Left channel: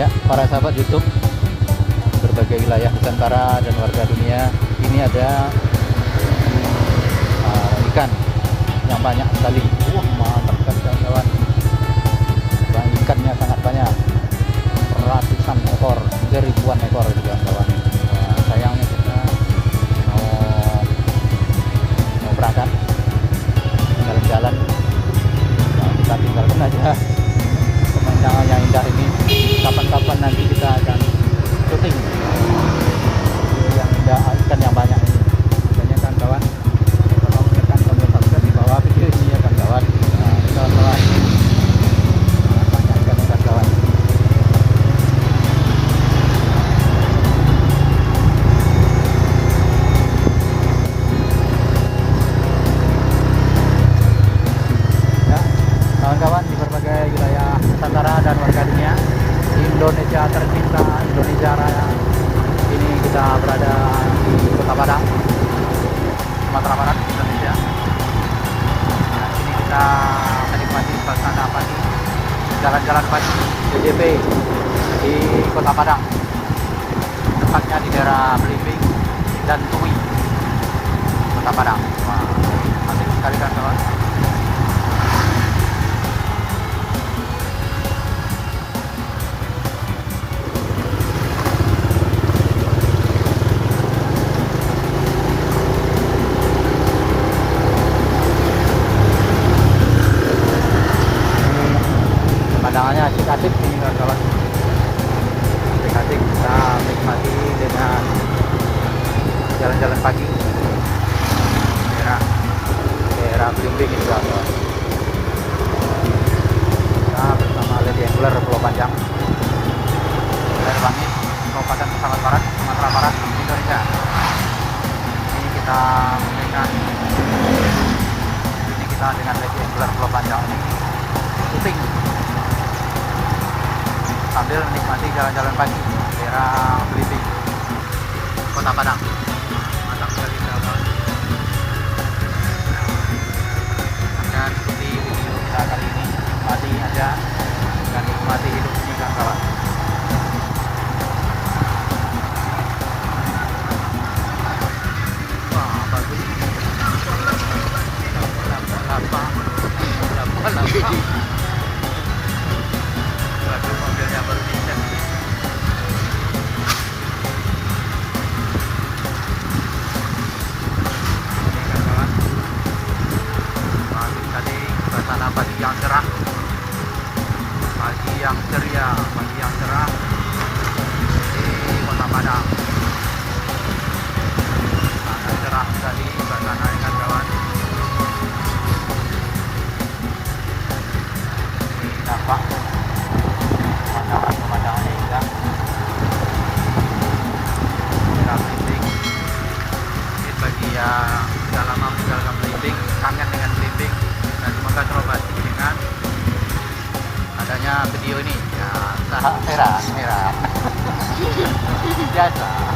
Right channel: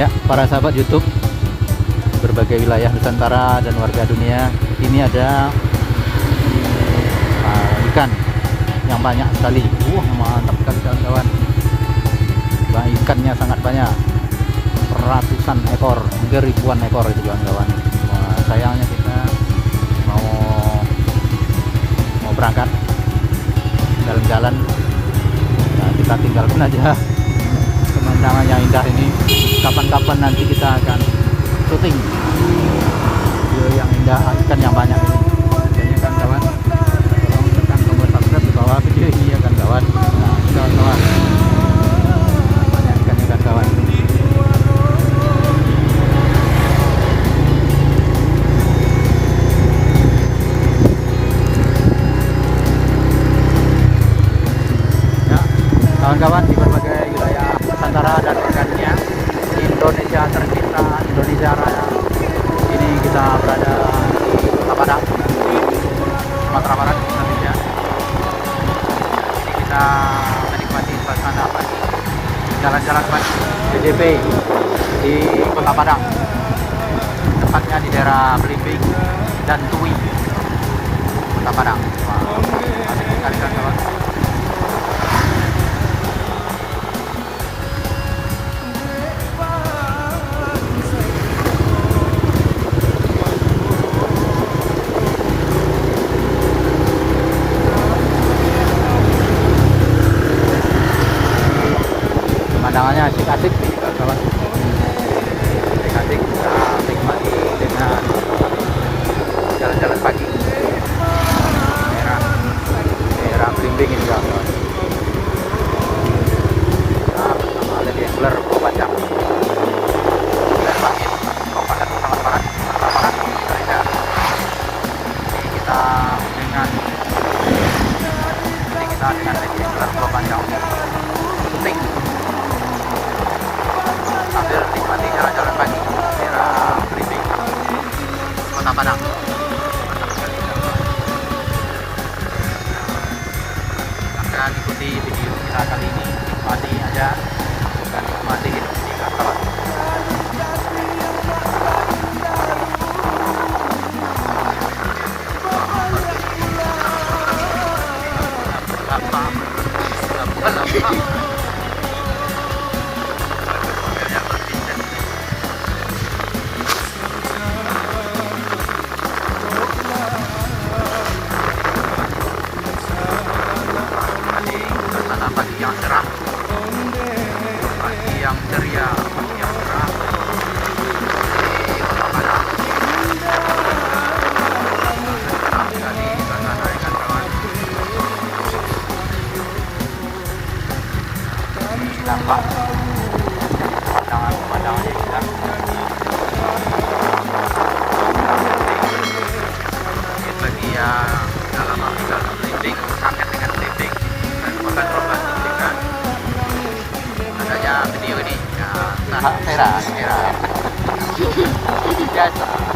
Ya, para sahabat YouTube berbagai wilayah Nusantara dan warga dunia, ini ada ikan yang banyak sekali. Mantap sekali kawan-kawan. Ikannya sangat banyak, ratusan ekor, hampir ribuan ekor itu kawan-kawan. Sayangnya kita mau berangkat dalam jalan, kita tinggalkan aja pemandangan yang indah ini. Kapan-kapan nanti kita akan syuting video yang indah, ikan yang banyak ini. Jadi kawan-kawan, tekan tombol subscribe di bawah video ini ya kawan-kawan. Kawan-kawan, banyak ikan nih kawan-kawan. Ya, kawan-kawan, di berbagai wilayah Nusantara dan warga dunia, Indonesia tercinta, Indonesia Raya. Ini kita berada di Kota Padang, Sumatera Barat, Indonesia. Ini kita menikmati suasana pagi, jalan-jalan pagi DJP di Kota Padang, tepatnya di daerah Belimbing dan Tui, Kota Padang. Pemandangannya asik-asik nih kawan-kawan. Asik-asik, kita nikmati dengan jalan-jalan pagi daerah Belimbing ini kawan. Ada di Angler Pulau Panjang. Sambil nikmati jalan-jalan pagi daerah Belimbing, Kota Padang. Dan seperti video kita kali ini, nikmati aja dan nikmati hidup di kawan-kawan. Pagi yang cerah, pagi yang ceria, pagi yang cerah. Era.